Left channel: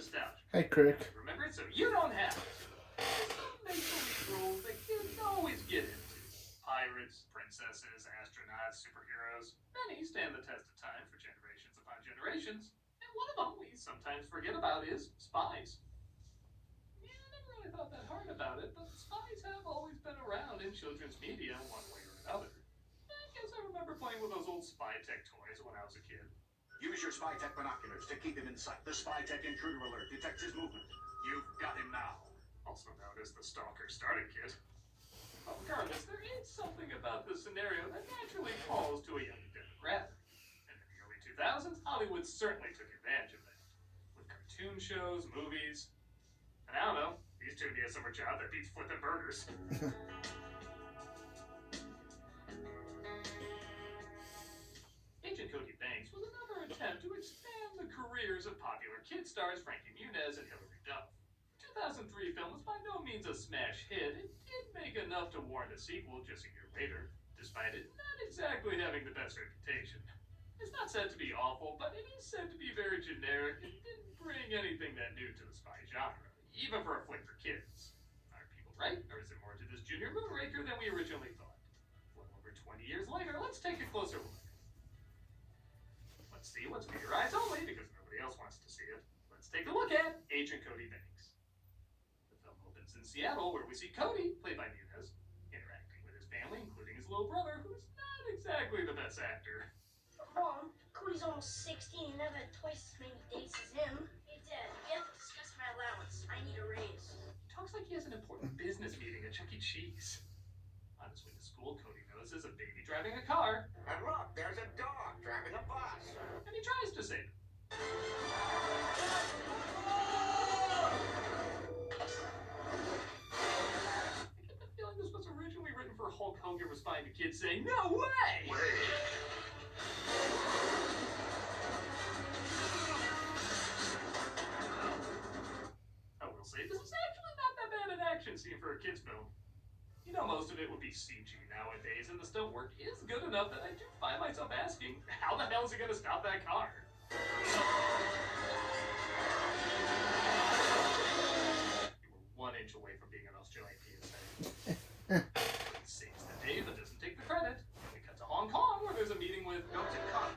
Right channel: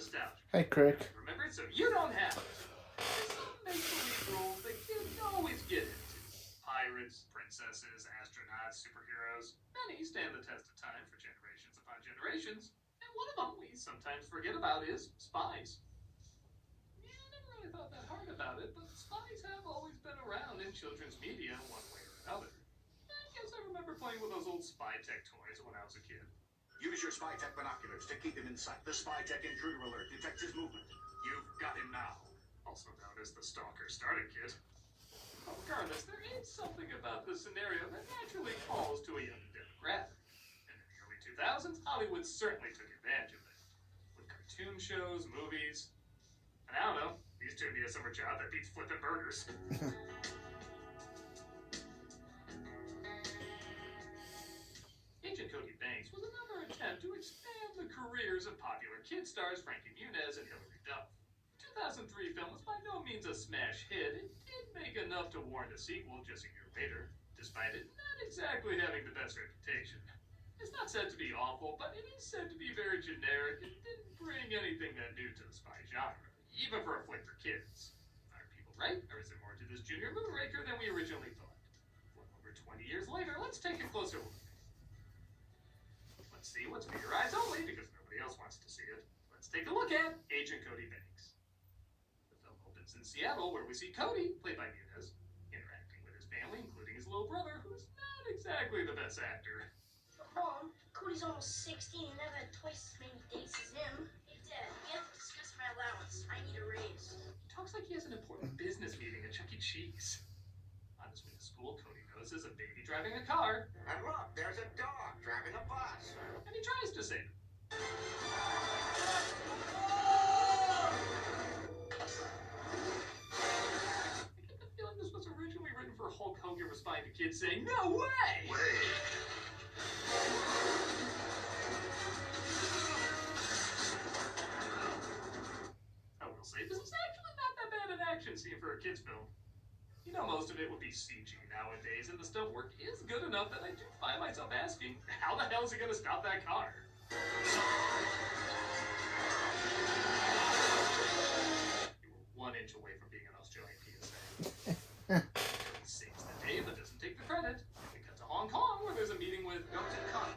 nostalgia. Hey, Crick. Remember it so you don't have to. There's some make-believe rules that kids always get into. Pirates, princesses, astronauts, superheroes. Many stand the test of time for generations upon generations. And one of them we sometimes forget about is spies. Yeah, I never really thought that hard about it, but spies have always been around in children's media one way or another. I guess I remember playing with those old spy tech toys when I was a kid. Use your spy tech binoculars to keep him in sight. The spy tech intruder alert detects his movement. You've got him now. Also known as the Stalker Starter Kit. But regardless, there is something about this scenario that naturally calls to a young demographic. And in the early 2000s, Hollywood certainly took advantage of that. With cartoon shows, movies, and I don't know, these turned me a summer job that beats flipping burgers. Agent Cody Banks was another attempt to expand the careers of popular kid stars Frankie Muniz and Hilary. The 2003 film was by no means a smash hit. It did make enough to warrant a sequel just a year later, despite it not exactly having the best reputation. It's not said to be awful, but it is said to be very generic and didn't bring anything that new to the spy genre, even for a flick for kids. Are people right, or is there more to this Junior Moonraker than we originally thought? Well, over 20 years later, let's take a closer look. Let's see what's for your eyes only, because nobody else wants to see it. Let's take a look at Agent Cody Banks. The film opens in Seattle, where we see Cody, played by Muniz, interacting with his family, including his little brother, who's not exactly the best actor. Mom, Cody's almost 16 and I've had twice as many dates as him. Hey, Dad, we have to discuss my allowance. I need a raise. He talks like he has an important business meeting at Chuck E. Cheese. On his way to school, Cody notices a baby driving a car. And look, there's a dog driving a bus. And he tries to save it. I get the feeling this was originally written for Hulk Hogan responding to kids saying, "No way!" I will say, this is actually not that bad an action scene for a kid's film. You know, most of it would be CG nowadays, and the stunt work is good enough that I do find myself asking, how the hell is it going to stop that car? You were 1 inch away from being an Australian PSA. He saves the day, but doesn't take the credit. We cut to Hong Kong, where there's a meeting with Dr. Cody.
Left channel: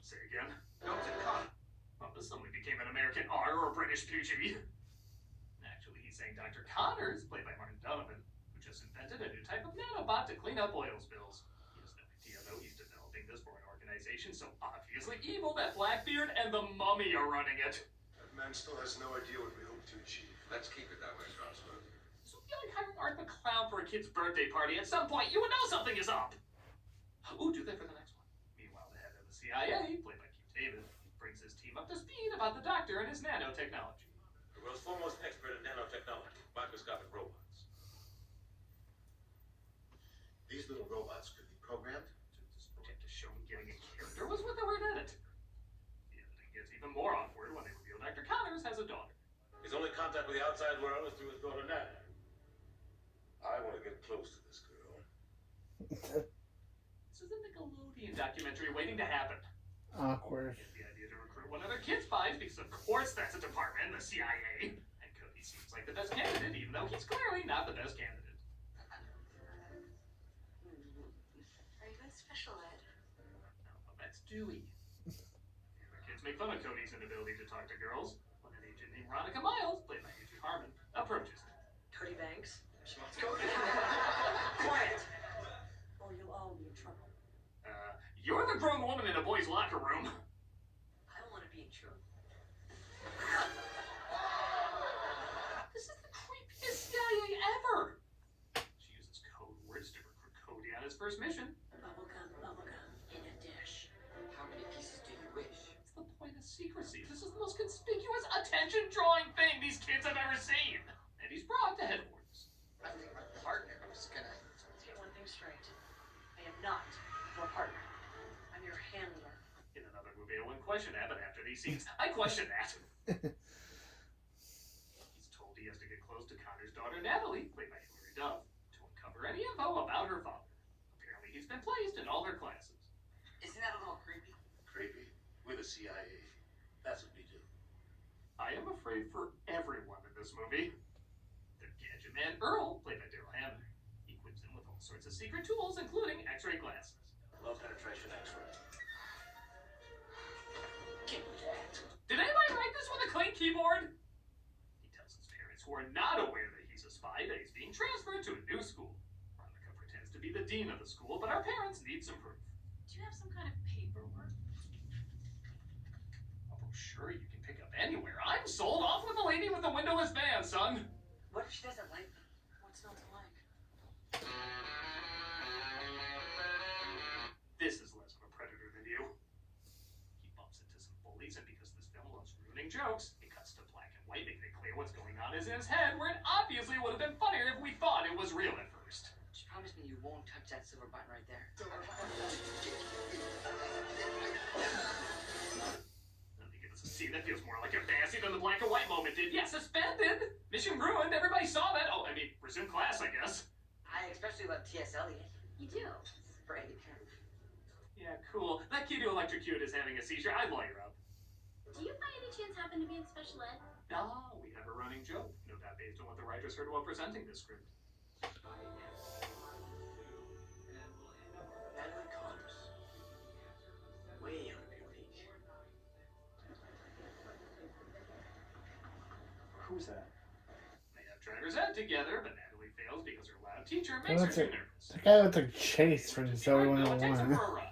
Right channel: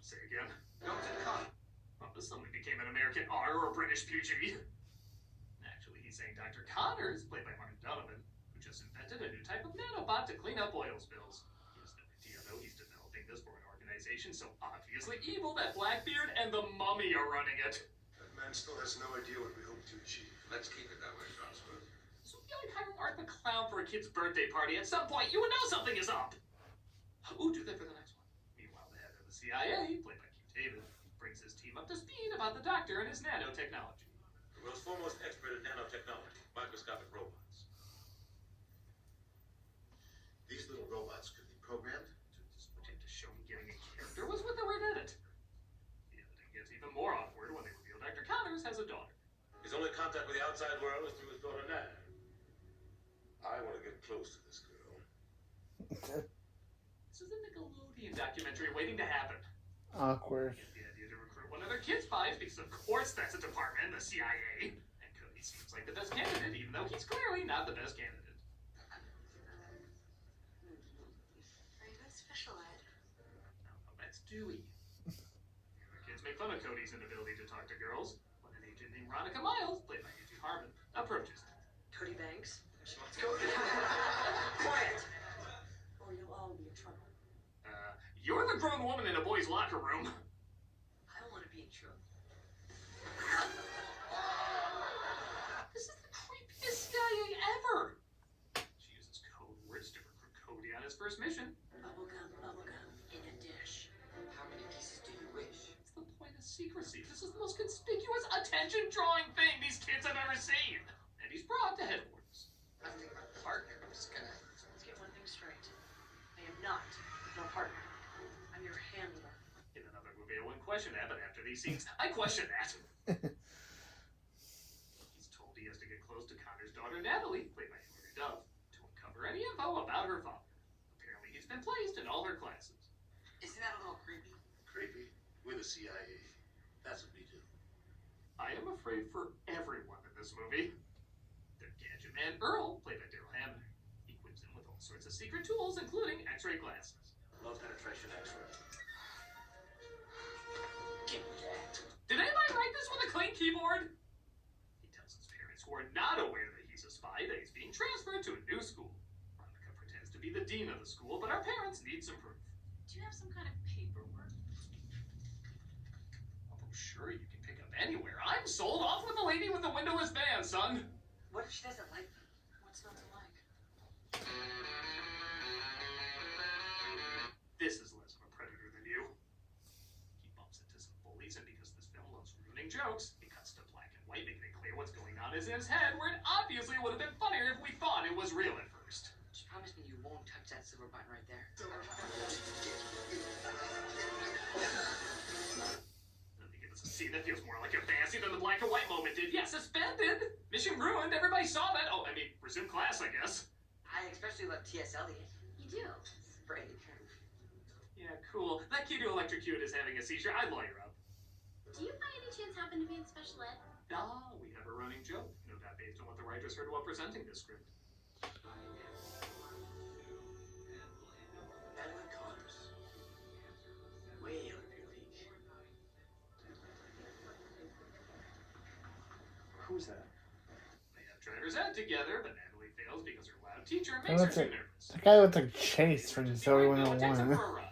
Say again? Dr. Cody. Well, this suddenly became an American R or a British PG. Actually, he's saying Dr. Connors, played by Martin Donovan, who just invented a new type of nanobot to clean up oil spills. He has no idea, though, he's developing this for an organization so obviously evil that Blackbeard and the Mummy are running it. That man still has no idea what we hope to achieve. Let's keep it that way, Joshua. So if you like hiring Art the Clown for a kid's birthday party, at some point you would know something is up. Ooh, do that for the next one. Meanwhile, the head of the CIA, played by Keith David, brings his team up to speed about the Doctor and his nanotechnology. The world's foremost expert in nanotechnology, microscopic robots. These little robots could be programmed This project to show me getting a character was what they were in it. The editing gets even more awkward when they reveal Dr. Connors has a daughter. His only contact with the outside world is through his daughter, Natalie. I want to get close to this girl. This is a Nickelodeon documentary waiting to happen. Awkward. Get the idea to recruit one of their kid spies because of course that's a department in the CIA. And Cody seems like the best candidate, even though he's clearly not the best candidate. Are you going special ed? No, that's Dewey. The other kids make fun of Cody's inability to talk to girls when an agent named Veronica Miles, played by A.J. Harmon, approaches them. Cody Banks? She wants to go. Quiet! Or you'll all be in trouble. You're the grown woman in a boy's locker room. I want to be in trouble. This is the creepiest CIA ever. She uses code words to recruit Cody on his first mission. Bubblegum, in a dish. How many pieces do you wish? What's the point of secrecy? This is the most conspicuous attention-drawing thing these kids have ever seen. And he's brought to headquarters. I think my partner was gonna... Let's get one thing straight. I am not your partner. I'm your handler. In another movie, I wouldn't question that, but after these scenes, I question that. He's told he has to get close to Connor's daughter, Natalie, played by Hilary Duff, to uncover any info about her father. Apparently, he's been placed in all her classes. Isn't that a little creepy? creepy. We're the CIA. That's what we do. I I am afraid for everyone in this movie. The gadget man Earl, played by Daryl Hannah, equips him with all sorts of secret tools, including X-ray glasses. Low penetration X-ray. Give me that. Did anybody write this with a clean keyboard? He tells his parents, who are not aware that he's a spy, that he's being transferred to a new school. Veronica pretends to be the dean of the school, but our parents need some proof. Do you have some kind of paperwork? A brochure you can pick up anywhere. I'm sold. Off with the lady with the windowless van, son. What if she doesn't like me? What's not to like? This is less of a predator than you. He bumps into some bullies, and because this film loves ruining jokes, it cuts to black and white, making it clear what's going on is in his head, where it obviously would have been funnier if we thought it was real at first. Just promise me you won't touch that silver button right there. Then they give us a scene that feels more like a fantasy than the black and white moment did. Yeah, suspended! Mission ruined, everybody saw that. Oh, I mean, resume class, I guess. I especially love T.S. Eliot. You do? It's great. Yeah, cool. That kid who electrocuted is having a seizure. I'd lawyer up. Do you by any chance happen to be in special ed? Ah, we have a running joke. No doubt based on what the writers heard while presenting this script. Madeline Connors. Way out of your league. Who's that? They have driver's ed together, but Natalie fails because her loud teacher makes her too nervous. The guy looked like Chase from Just Zoe be right, no, it takes her 101. for a run.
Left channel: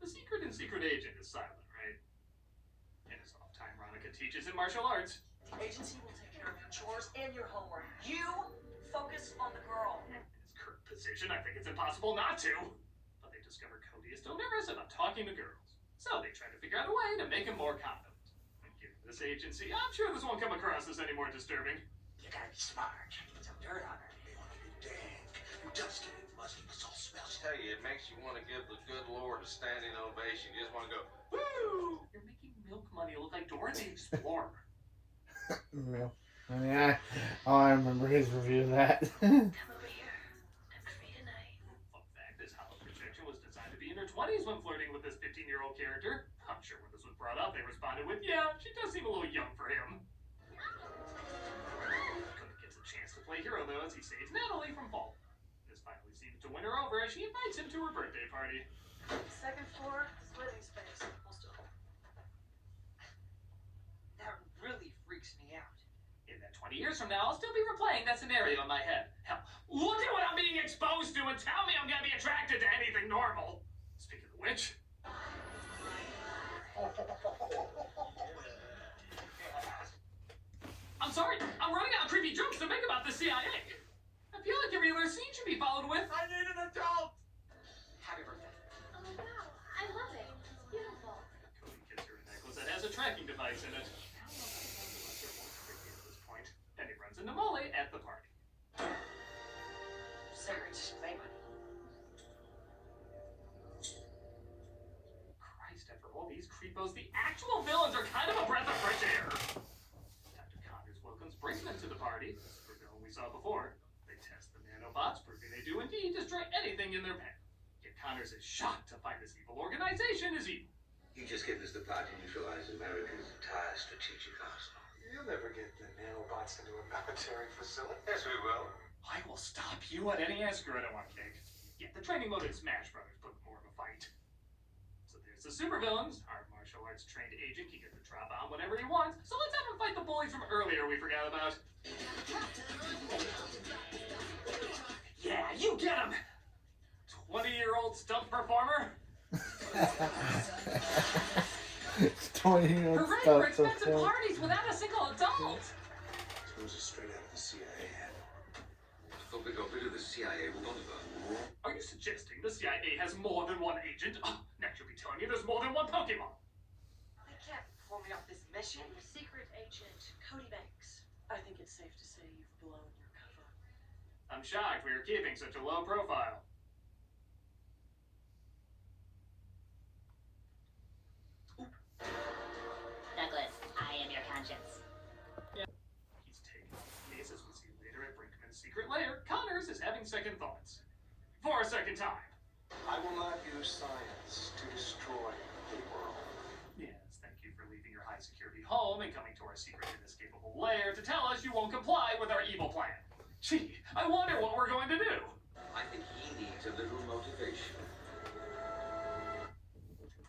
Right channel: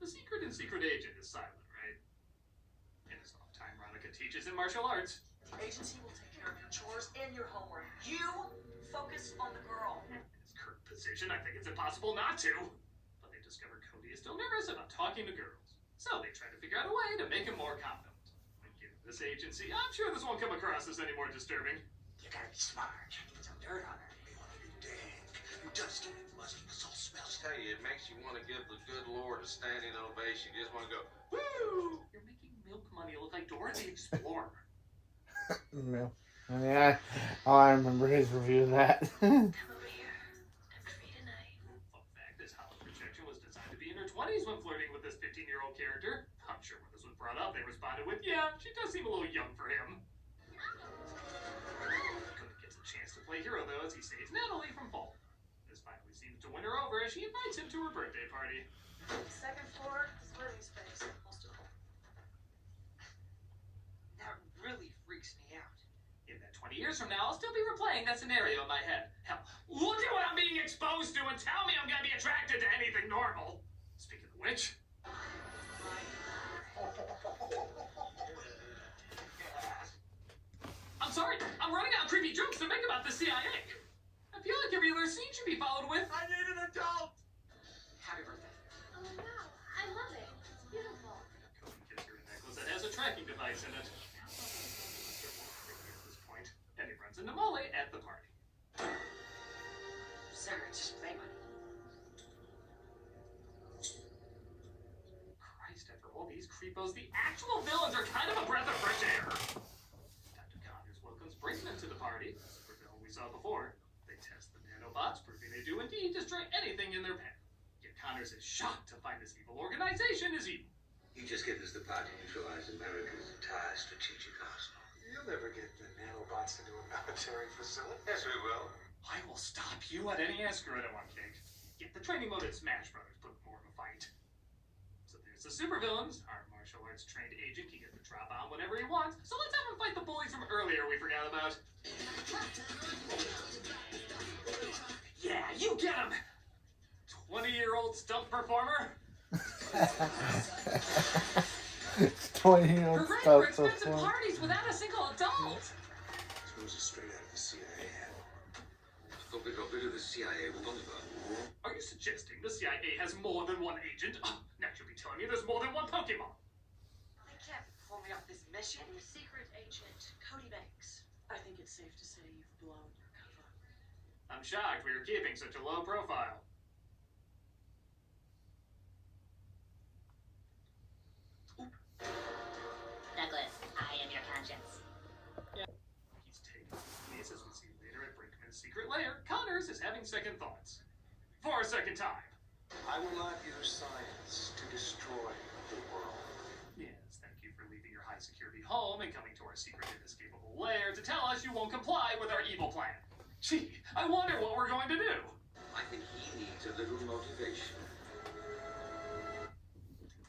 The secret in Secret Agent is silent, right? In his off time, Veronica teaches in martial arts. The agency will take care of your chores and your homework. You focus on the girl. In his current position, I think it's impossible not to. But they discover Cody is still nervous about talking to girls. So they try to figure out a way to make him more confident. And given this agency, I'm sure this won't come across as any more disturbing. You gotta be smart. Get some dirt on her. You wanna be damned. You dusty and musty. This all smells. Tell you, it makes you want to give the good Lord a standing ovation. You just want to go, Woo! You're making milk money look like Dora the Explorer. No. Yeah, I remember his review of that. Come over here. I'm free tonight. Fun fact, this hollow projection was designed to be in her 20s when flirting with this 15-year-old character. I'm sure when this was brought up, they responded with, yeah, she does seem a little young for him. Cody gets a chance to play hero, though, as he saves Natalie from falling. This finally seems to win her over as she invites him to her birthday party. Second floor is living space. Close to home. That really freaks me out. In that 20 years from now, I'll still be replaying that scenario in my head. Hell, look at what I'm being exposed to and tell me I'm gonna be attracted to anything normal. Speaking of which... I'm sorry, I'm running out of creepy jokes to make about the CIA. I feel like every other scene should be followed with... I need an adult! Happy birthday. Oh wow, I love it. It's beautiful. Cody gives her a necklace that has a tracking device in it. It won't freak me at this point. And he runs into Molly at the party. Cigarettes, play money. Christ, after all these creepos, the actual villains are kind of a breath of fresh air. Dr. Connors welcomes Brinkman to the party, the super villain we saw before. They test the nanobots, proving they do indeed destroy anything in their path. Yet Connors is shocked to find this evil organization is evil. You just get us the part to neutralize America's entire strategic arsenal. You'll never get the nanobots into a military facility. Yes, we will. I will stop you at any escrow I want, Cake. Yet the training mode in Smash Brothers put more of a fight. So there's the supervillains. Our martial arts trained agent can get the drop on whenever he wants. So let's have him fight the bullies from earlier we forgot about. Yeah, you get him! 20-year-old stunt performer? 20 Hooray for expensive parties without a single adult! This was straight out of the CIA. Thought we got rid of the CIA with Oliver. Are you suggesting the CIA has more than one agent? Oh, next you'll be telling me there's more than one Pokemon. They can't pull me off this mission. Secret agent Cody Banks. I think it's safe to say you've blown your cover. I'm shocked we are keeping such a low profile. Douglas, I am your conscience. He's taken on the case as we see later at Brinkman's secret lair. Connors is having second thoughts. For a second time. I I will not use science to destroy the world. Yes, thank you for leaving your high security home and coming to our secret inescapable lair to tell us you won't comply with our evil plan. Gee, I wonder what we're going to do. I think he needs a little motivation.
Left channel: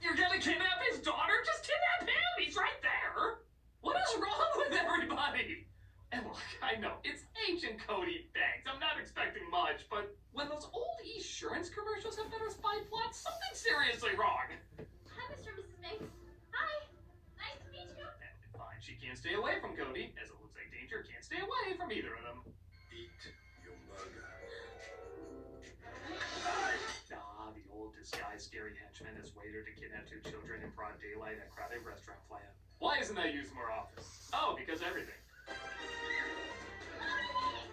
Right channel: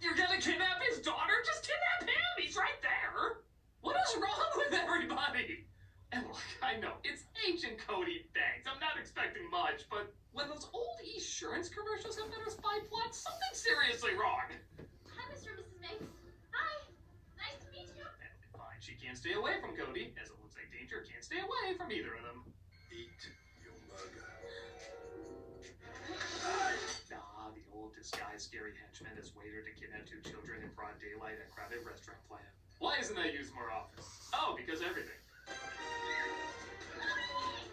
You're gonna kidnap his daughter? Just kidnap him! He's right there! What is wrong with everybody? And look, I know, it's Agent Cody Banks. I'm not expecting much, but when those old Esurance commercials have better spy plots, something's seriously wrong. Hi, Mr. and Mrs. Banks. Hi. Nice to meet you. That'll be fine. She can't stay away from Cody, as it looks like Danger can't stay away from either of them. Eat your burger. Ah, the old disguised scary henchman is waiter to kidnap two children in broad daylight at crowded restaurant plan. Why isn't that used more often? Oh, because everything.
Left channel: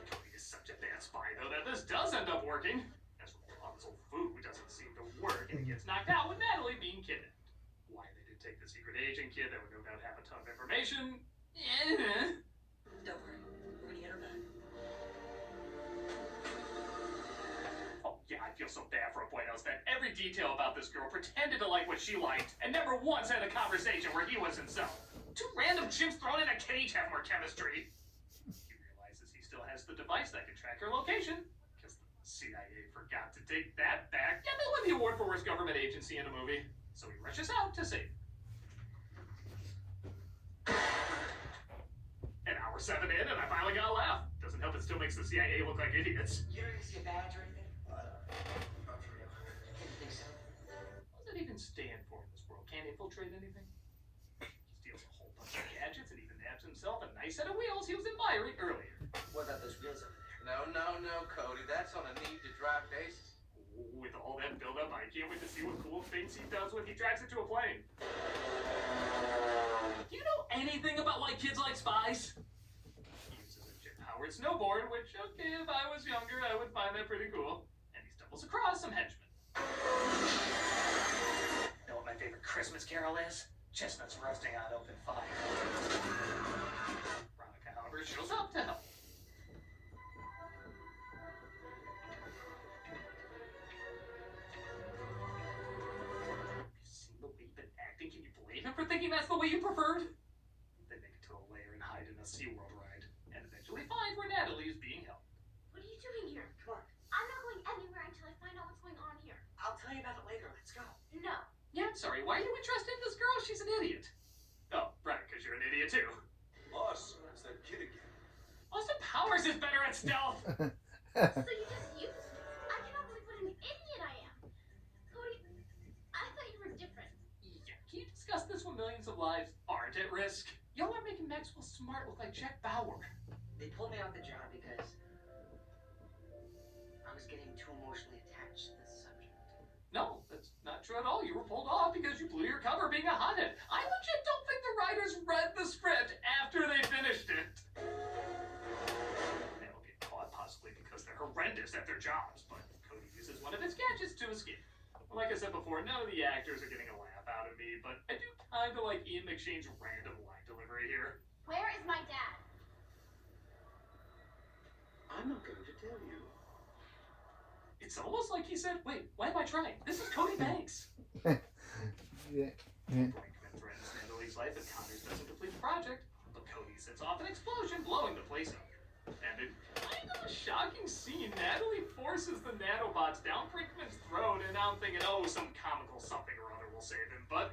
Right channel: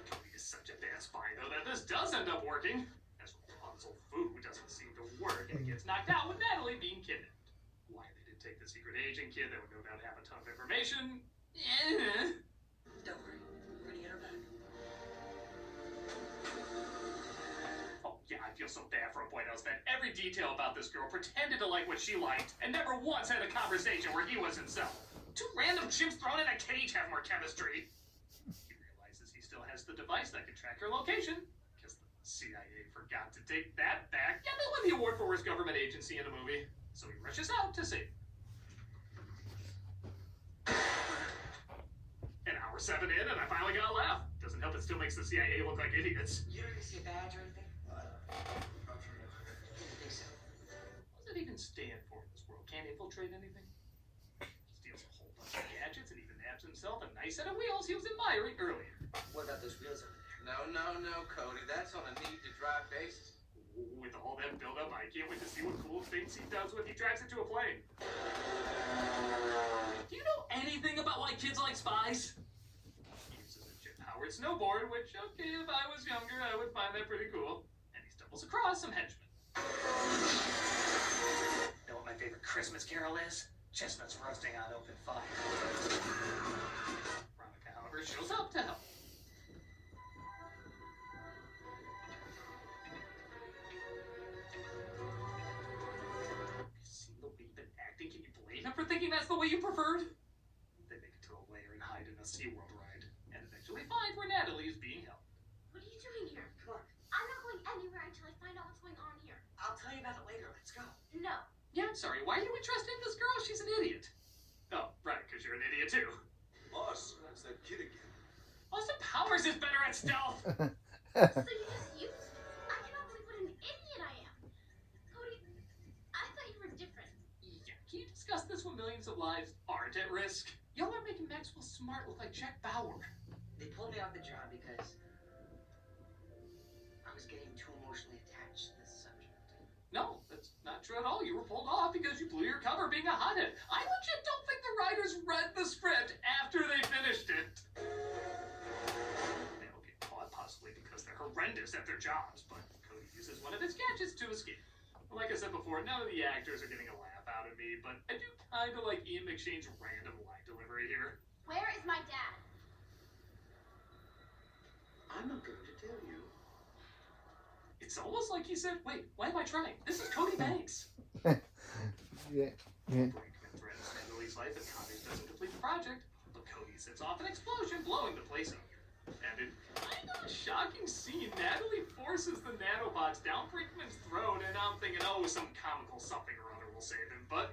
Cody is such a bad spy, though, that this does end up working. As Rapunzel food doesn't seem to work, and he gets knocked out with Natalie being kidnapped. Why they did take the secret agent kid that would no doubt have a ton of information? Don't worry. We're gonna get her back. Oh, yeah, I feel so bad for a boy that spent every detail about this girl, pretended to like what she liked, and never once had a conversation where he was himself. Two random chimps thrown in a cage have more chemistry. He realizes he still has the device that can track her location, because the CIA forgot to take that back. Yeah, they won the award for worst government agency in a movie, so he rushes out to save her. An hour 7 in, and I finally got a laugh. Doesn't help, it still makes the CIA look like idiots. You don't even see a badge or anything? Not for you. Didn't think so. What does it even stand for in this world? Can't infiltrate anything? Steals a whole bunch of gadgets and even nabs himself a nice set of wheels he was admiring earlier. What about those wheels over there? No, Cody. That's on a need-to-drive basis. With all that build-up, I can't wait to see what cool things he does when he drives into a plane. Do you know anything about why kids like spies? He uses a jet-powered snowboard, which, okay, if I was younger, I would find that pretty cool. And he stumbles across some henchmen. Know what my favorite Christmas carol is? Chestnuts roasting on open fire. Veronica, however, shows up to help. Can you blame him for thinking that's the way you preferred? They make it to a lair and hide in a SeaWorld ride, and eventually find where Natalie is being held. What are you doing here? Come on. I'm not going anywhere until I find out what's going on here. I'll tell you about it later. Let's go. No. Yeah, I'm sorry, why are you interested in this girl? She's an idiot. Oh, right, because you're an idiot too. Boss, it's that kid again. Austin Powers is better at stealth! So you just used me. I cannot believe what an idiot I am. Cody, I thought you were different. Yeah, can you discuss this when millions of lives aren't at risk? Y'all are making Maxwell Smart look like Jack Bauer. They pulled me off the job because I was getting too emotionally attached to this subject. No, that's not true at all. You were pulled off because you blew your cover being a hothead. I legit don't think the writers read the script after they finished it. They'll get caught possibly because they're horrendous at their jobs, but Cody uses one of his gadgets to escape. Like I said before, none of the actors are getting a laugh out of me, but I do kind of like Ian McShane's random line delivery here. Where is my dad? I'm not going to tell you. It's almost like he said, wait, why am I trying? This is Cody Banks. Yeah. Brakeman threatens Natalie's life if Connors doesn't complete the project, but Cody sets off an explosion, blowing the place up. And in kind of a shocking scene, Natalie forces the nanobots down Brinkman's throat, and I'm thinking, oh, some comical something or other will save him, but...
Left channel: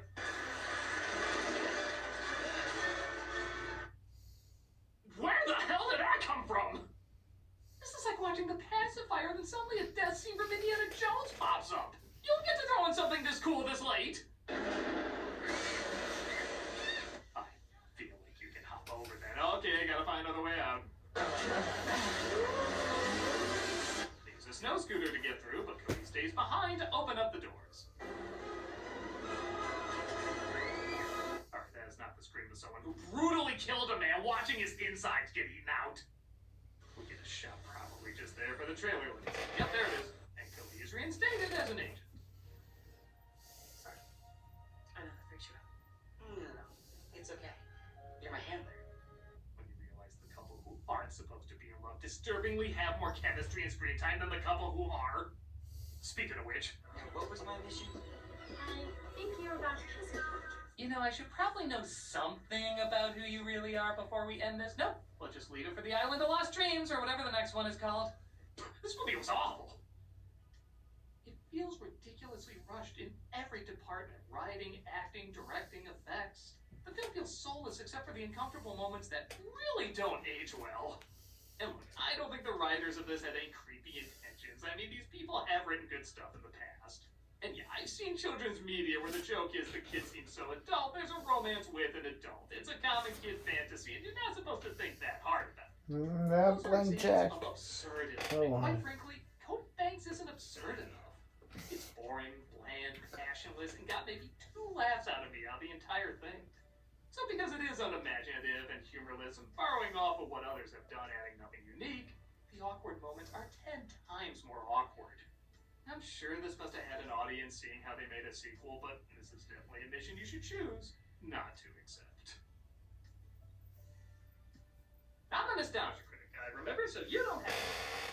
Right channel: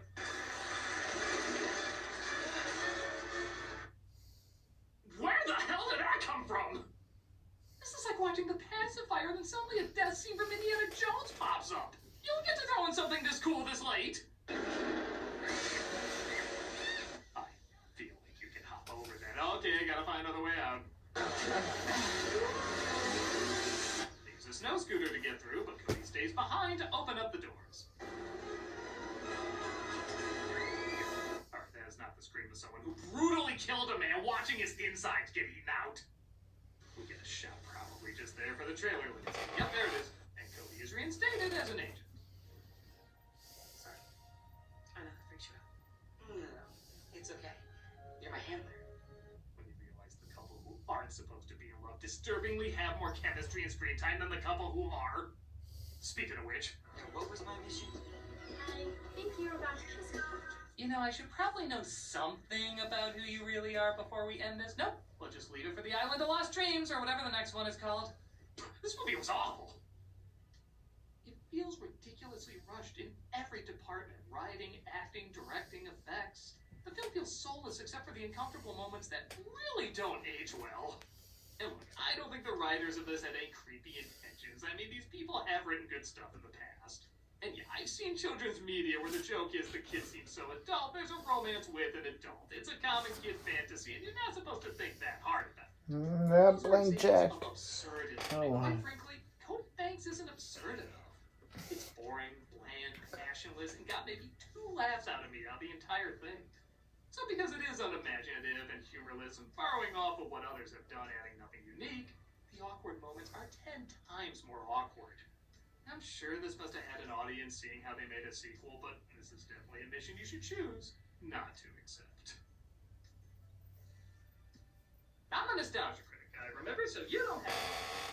Where the hell did that come from? This is like watching The Pacifier, and then suddenly a death scene from Indiana Jones pops up. You don't get to throw in something this cool this late. I feel like you can hop over then. Okay, gotta find another way out. They use a snow scooter to get through, but Cody stays behind to open up the doors. Alright, that is not the scream of someone who brutally killed a man watching his insides get eaten out. We get a shot probably just there for the trailer. Yep, there it is. And Cody is reinstated as an agent. Sorry. I know that freaks you out. No. It's okay. You're my handler. When you realize the couple who aren't supposed to be in love disturbingly have more chemistry and screen time than the couple who are. Speaking of which, What was my mission? I think you're about to kiss him. you know, I should probably know something about who you really are before we end this. Nope, we'll just leave it for the Island of Lost Dreams, or whatever the next one is called. This movie was awful. It feels ridiculously rushed in every department. Writing, acting, directing, effects. The film feels soulless except for the uncomfortable moments that really don't age well. And look, I don't think the writers of this had any creepy intentions. I mean, these people have written good stuff in the past. And yeah, I've seen children's media where the joke is the kid seems so adult, there's a romance with an adult. It's a common kid fantasy, and you're not supposed to think that hard about it. Not Those are blank check. examples of absurdity. Oh, And wow. quite frankly, Cody Banks isn't absurd enough. It's boring, bland, passionless, and got maybe 2 laughs out of me on the entire thing. So because it is unimaginative and humorless and borrowing off of what others have done, adding nothing unique, the awkward moments are 10 times more awkward. I'm sure this must have had an audience seeing how they made a sequel, but this is definitely a mission you should choose not to accept. I'm a nostalgia critic, guy, remember? So you don't have to.